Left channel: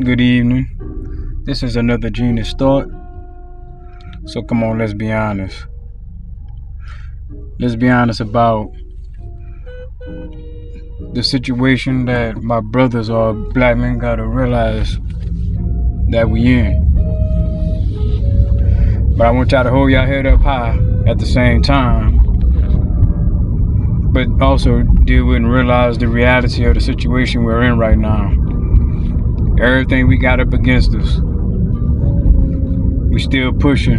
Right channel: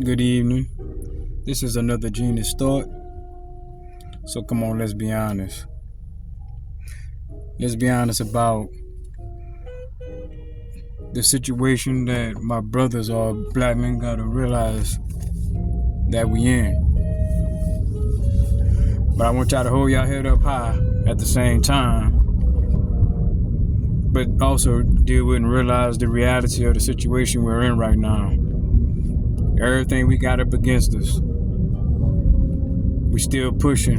Good evening. This is another genius thought. So come on, let's be honest. Let's be honest about the situation that my brothers or black men gotta realize that we in. But I want y'all to hold y'all head up high at the same time, but also deal with and realize the reality of the situation we're in right now. Everything we got up against us, we still pushing.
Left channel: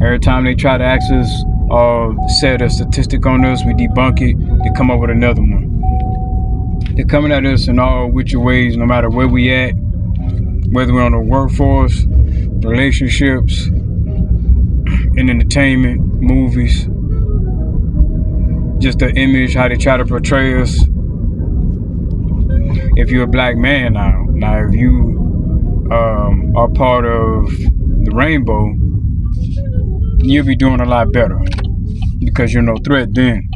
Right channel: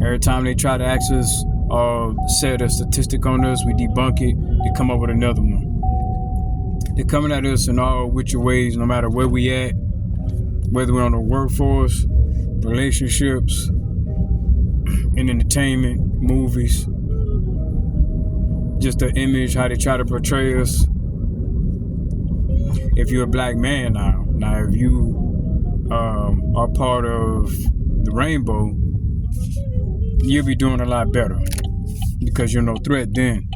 Every time they try to ask us or set a statistic on us, we debunk it, they come up with another one. They're coming at us in all which ways, no matter where we at, whether we're on the workforce, relationships, in entertainment, movies, just the image, how they try to portray us. If you're a black man now if you are part of the rainbow, you'll be doing a lot better because you're no threat then.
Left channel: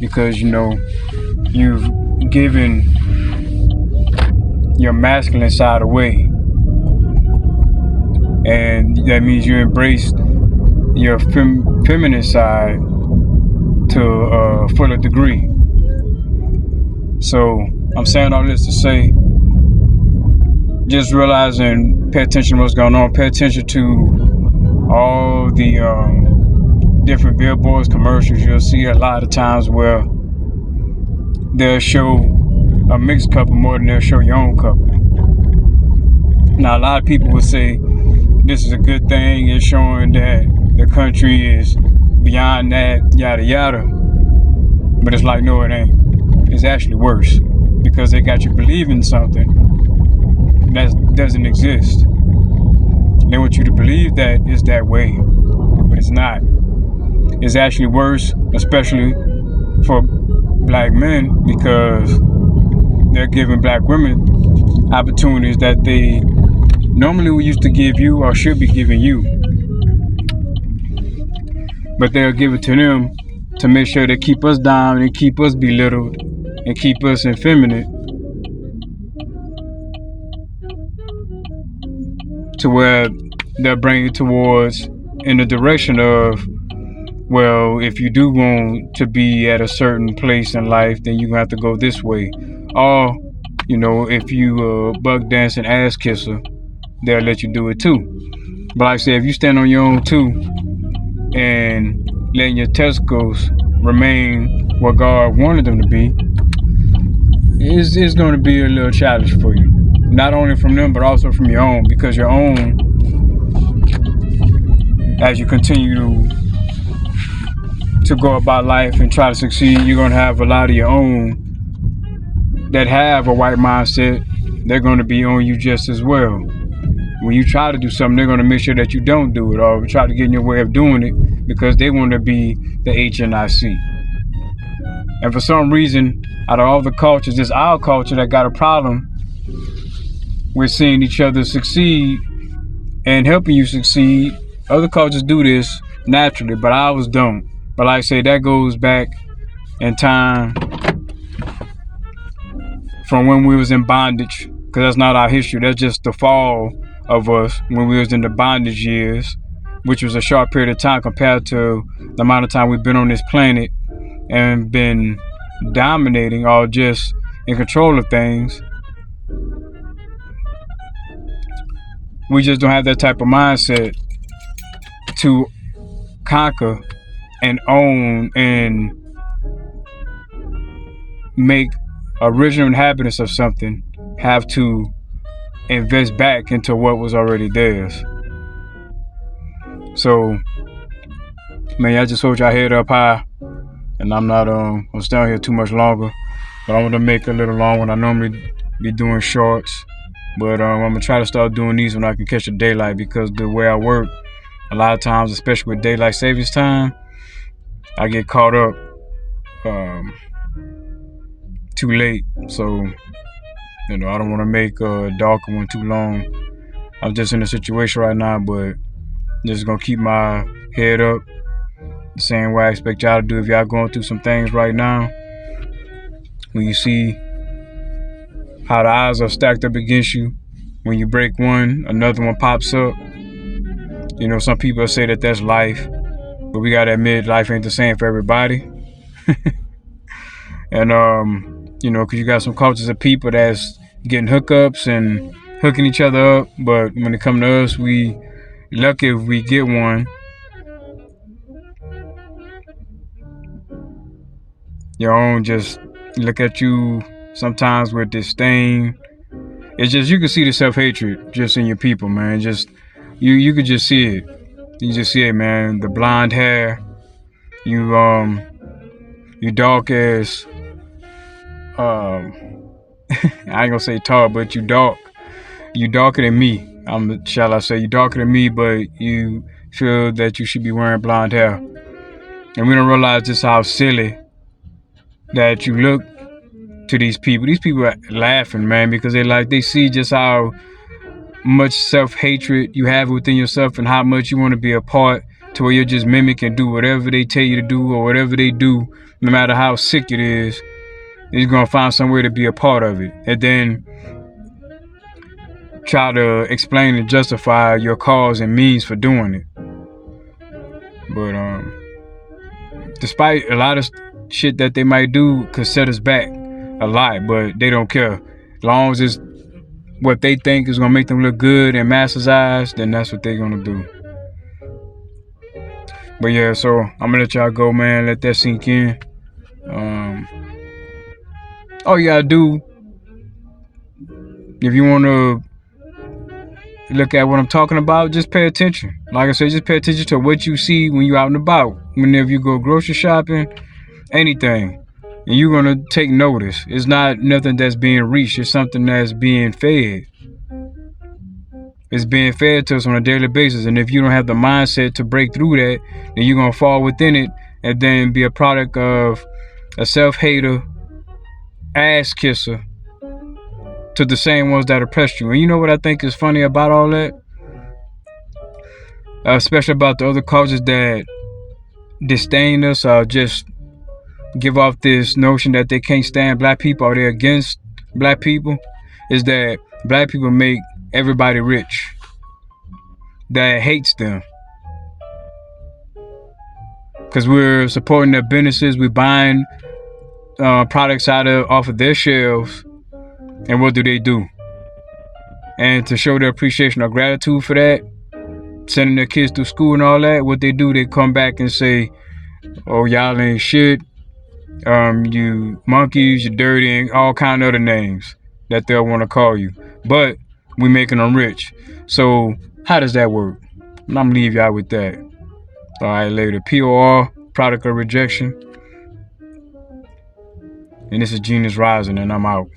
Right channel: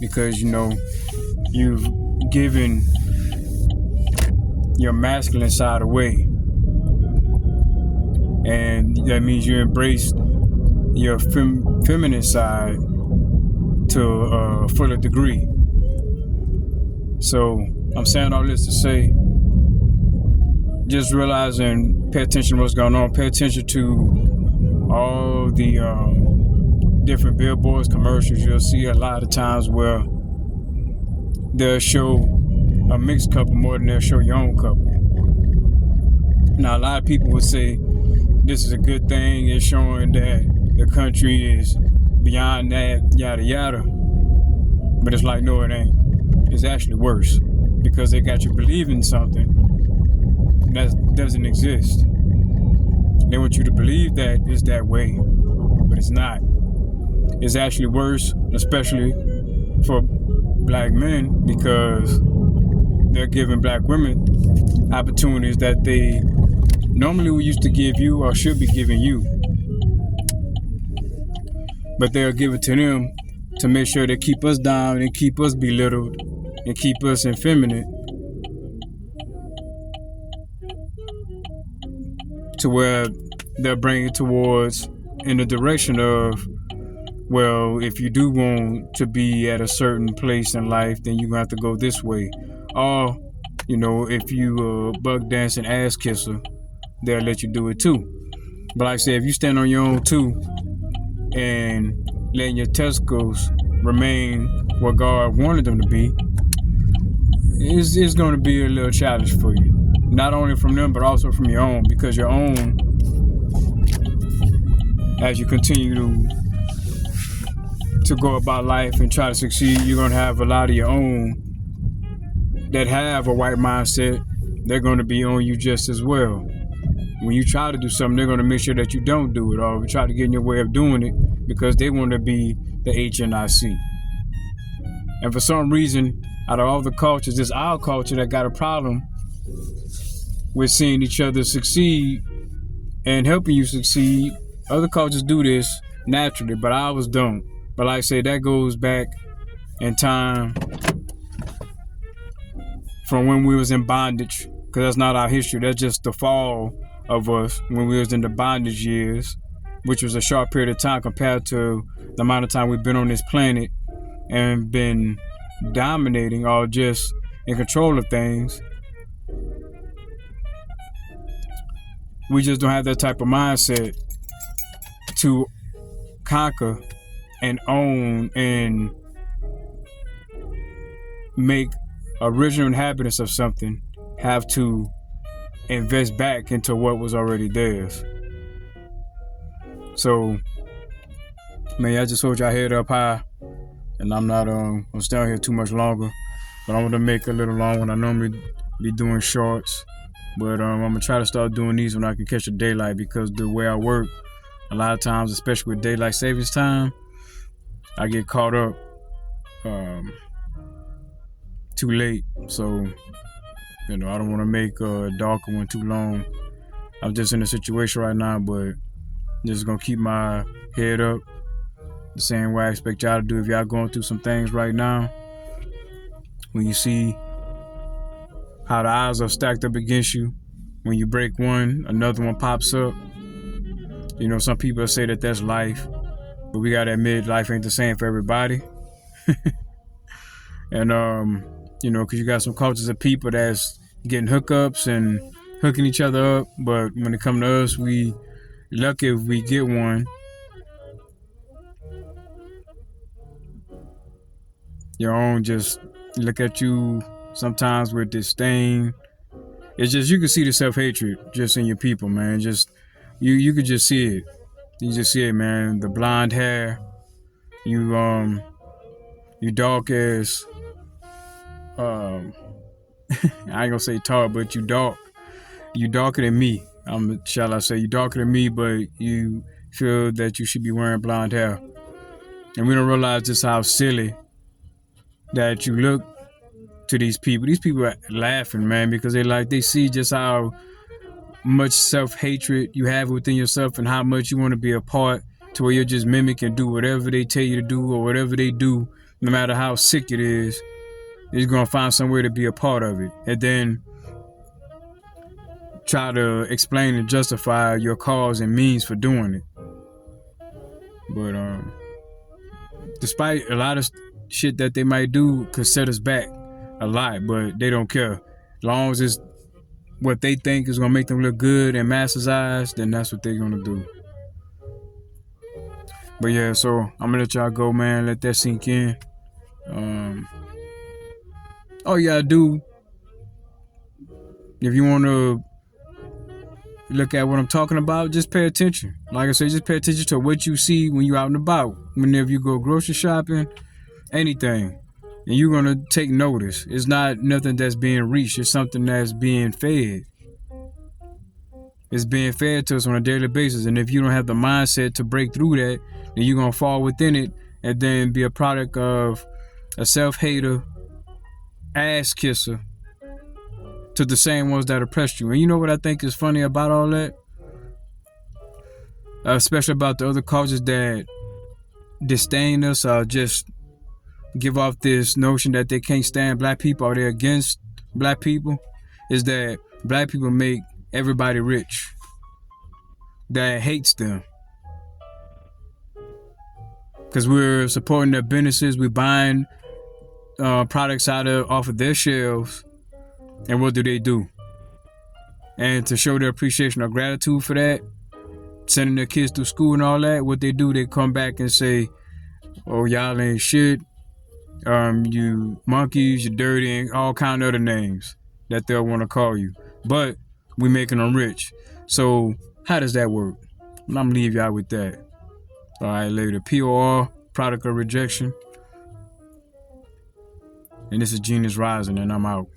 Because you've given your masculine side away, and that means you embraced your feminine side to a fuller degree. So I'm saying all this to say, just realize and pay attention to what's going on. Pay attention to all the different billboards, commercials. You'll see a lot of times where they'll show a mixed couple more than they'll show your own couple. Now, a lot of people will say this is a good thing. It's showing that the country is beyond that, yada yada. But it's like, no, it ain't. It's actually worse, because they got you believing something that doesn't exist. They want you to believe that it's that way, but it's not. It's actually worse, especially for black men, because they're giving black women opportunities that they normally used to give you or should be giving you. But they'll give it to them to make sure they keep us down and keep us belittled and keep us effeminate, to where they'll bring it towards in the direction of, well, if you do want to be at a certain place in life, then you're gonna have to go this way. Or, if you buck dancing ass kisser, they'll let you do it too. But like I said, if you stand on your own too and letting your testicles remain what God wanted them to be, it's going to be a little challenge for you. Not only from them, but also from your own, because your own, as you continue to go about life and try to succeed, you're going to have a lot of your own that have a white mindset. They're going to be on you just as well. When you try to do something, they're going to make sure that you don't do it, or try to get in your way of doing it, because they want to be the HNIC. And for some reason, out of all the cultures, it's our culture that got a problem with seeing each other succeed and helping you succeed. Other cultures do this naturally, but ours don't. But like I say, that goes back in time from when we was in bondage, because that's not our history. That's just the fall of us when we was in the bondage years, which was a short period of time compared to the amount of time we've been on this planet and been dominating or just in control of things. We just don't have that type of mindset to conquer and own and make original inhabitants of something have to invest back into what was already theirs. So, man, I just hold y'all head up high, and I'm not gonna stay on here too much longer, but I want to make a little long one. I normally be doing shorts, but I'm gonna try to start doing these when I can catch the daylight, because the way I work, a lot of times, especially with daylight savings time, I get caught up too late. So, I don't want to make a darker one too long. I'm just in a situation right now, but just gonna keep my head up the same way I expect y'all to do if y'all going through some things right now. When you see how the odds are stacked up against you. When you break one, another one pops up. You know, some people say that that's life, but we gotta admit life ain't the same for everybody. And you know, because you got some cultures of people that's getting hookups and hooking each other up, but when it comes to us, we lucky if we get one. Your own just look at you sometimes with disdain. It's just you can see the self-hatred just in your people, man. Just you could just see it. You just see it, man. The blonde hair, you you dark as I ain't gonna say tall, but you dark. You darker than me. Shall I say, you darker than me, but you feel that you should be wearing blonde hair. And we don't realize just how silly that you look to these people. These people are laughing, man, because they see just how much self-hatred you have within yourself and how much you want to be a part to where you'll just mimic and do whatever they tell you to do or whatever they do, no matter how sick it is. You're gonna find some way to be a part of it. And then try to explain and justify your cause and means for doing it. But despite a lot of shit that they might do could set us back a lot, but they don't care. As long as it's what they think is gonna make them look good in masses' eyes, then that's what they're gonna do. But yeah, so I'm gonna let y'all go, man. Let that sink in. All you gotta do, if you wanna look at what I'm talking about, just pay attention. Like I said, just pay attention to what you see when you're out and about. Whenever you go grocery shopping, anything, and you're gonna take notice. It's not nothing that's being reached. It's something that's being fed. It's being fed to us on a daily basis. And if you don't have the mindset to break through that, then you're gonna fall within it and then be a product of a self-hater, ass kisser to the same ones that oppressed you. And you know what I think is funny about all that? Especially about the other causes that disdain us or just give off this notion that they can't stand black people or they're against black people, is that black people make everybody rich that hates them. Because we're supporting their businesses, we're buying products off of their shelves. And what do? And to show their appreciation or gratitude for that, sending their kids through school and all that, what they do, they come back and say, oh, y'all ain't shit, you monkeys, you dirty, and all kind of other names that they'll want to call you. But we making them rich. So how does that work? I'm gonna leave y'all with that. All right, later. POR, product of rejection. And this is Genius Rising, and I'm out.